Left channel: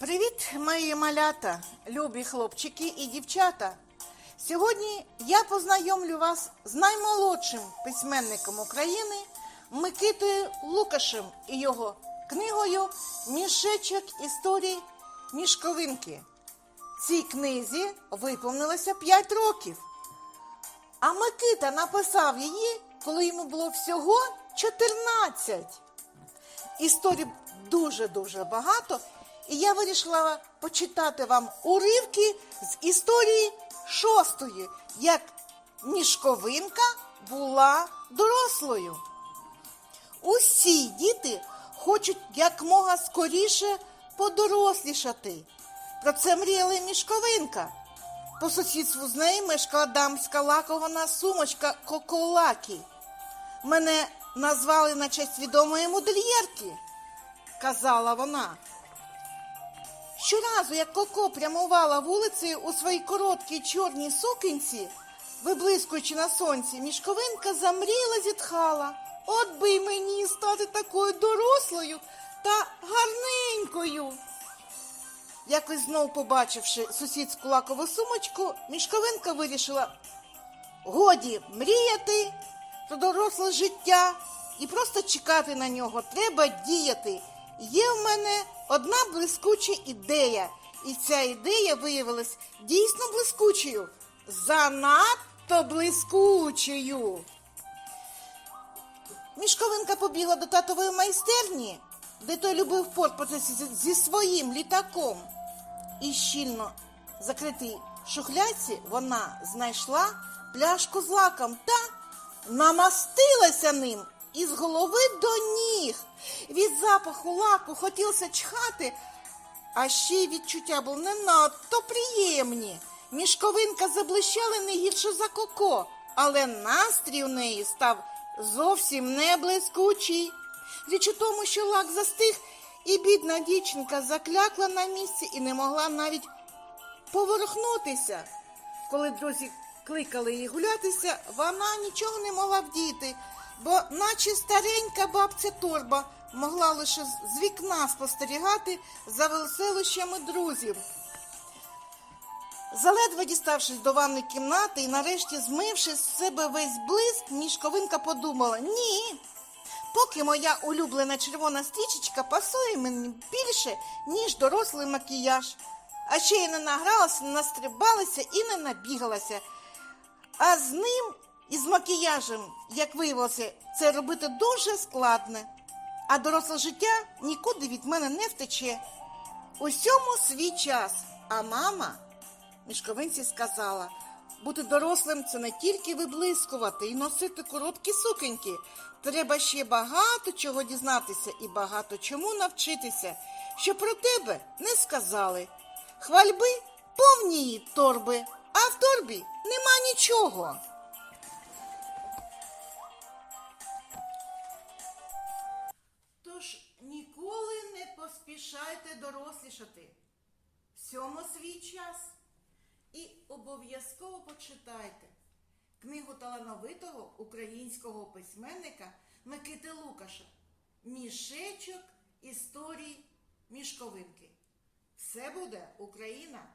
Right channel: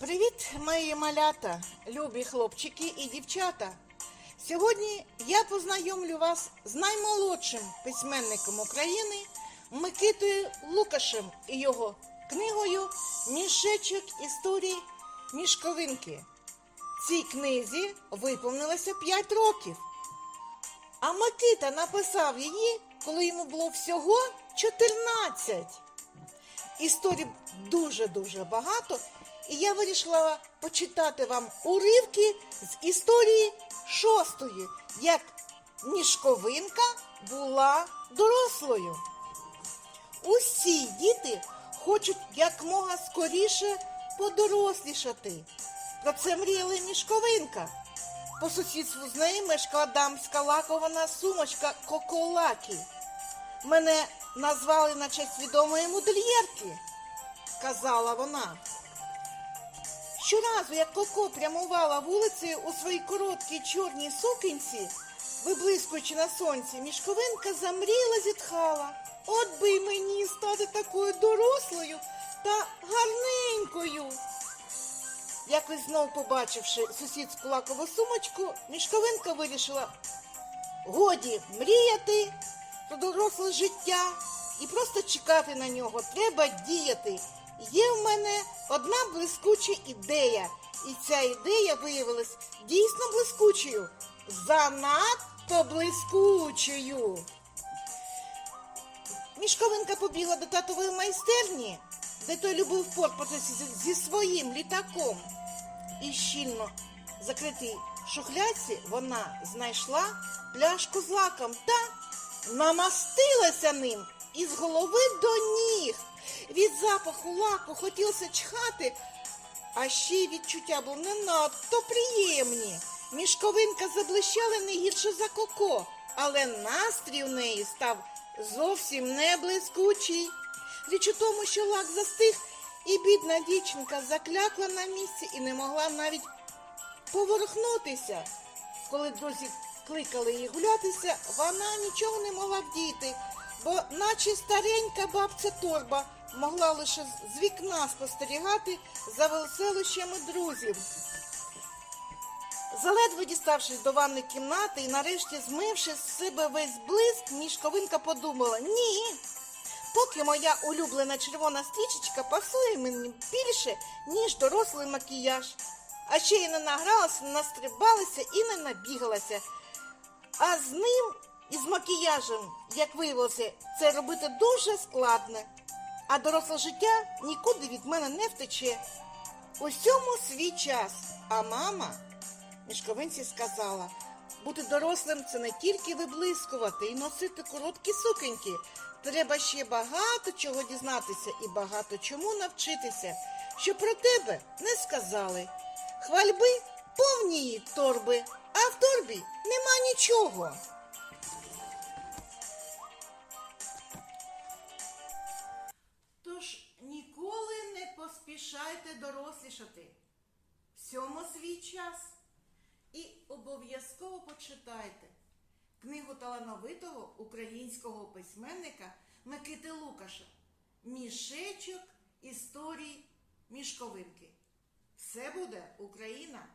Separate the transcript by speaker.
Speaker 1: Привіт, мої малята, любі хлопчики і дівчата. Сьогодні я познайомлю вас з наймолодшим письменником України Микитою Лукашем і його книгою Мішечок історій мішковинки. Цій книзі виповнилося 5 років. А Микита написав її, коли йому було всього 14. Історій дуже-дуже багато, і я вирішила почитати вам уривки з історії шостої, як Мішковинка була дорослою. Усі діти хочуть якмога скоріше подорослішати. Про це мріяла мішковинка. По сусідству з нею мешкала дамська лакована сумочка Коколакі. Мене назвали на честь відомої модельєрки, казала вона. Щоразу, як Коко прямувала вулицею у своїй короткій чорній сукенці, виблискуючи на сонці, мішковинка замріла зітхала. От би й мені стати такою дорослою та гарненькою. Якось знов побачивши сусідську лакову сумочку, мішковинка вирішила годі мріяти про доросле життя і просто чекати на нього. Треба діяти. Є в мене одна блискуча ідея, і ця ідея виявилась дійсно блискучою, занадто блискучою. Мішковинка побігла до татової майстерні, де той любив порпатися зі- своїм літаком. І щільно закритій шухляці вона знайшла пляшку з лаком та намастилася ним із голови до ніг. Від запаху лаку хотілося чхати, а ще й відчуття було не надто приємні. Мішковинка заблищала не гірше за коко, але настрій у неї став зовсім не блискучий. Річ у тому, що лак застиг, і бідна дівчинка заклякла на місці і не могла навіть поворухнутися. Коли друзі кликали її гулятися, вона нічого не могла вдіти, бо наче старенька бабця торба могла лише з- вікна спостерігати за веселощами друзів. Заледве діставшись до ванної кімнати і нарешті змивши з себе весь блиск, мішковинка подумала ні. Поки моя улюблена червона стрічечка пасує мені більше, ніж дорослий макіяж. А ще й не награлася, не настрибалася і не набігалася. А з ним і з макіяжем, як виявилося, це робити дуже складно. А доросле життя нікуди від мене не втече. Усьому свій час. А мама мішковинці сказала, бути дорослим це не тільки виблискувати і носити короткі сукеньки. Треба ще багато чого дізнатися і багато чому навчитися, що про тебе не сказали. Хвальби повні торби, а в торбі нема нічого. Поспішайте дорослішати. Всьому свій час. І обов'язково почитайте книгу талановитого українського письменника Микити Лукаша Мішечок історій мішковинки. Все буде Україна!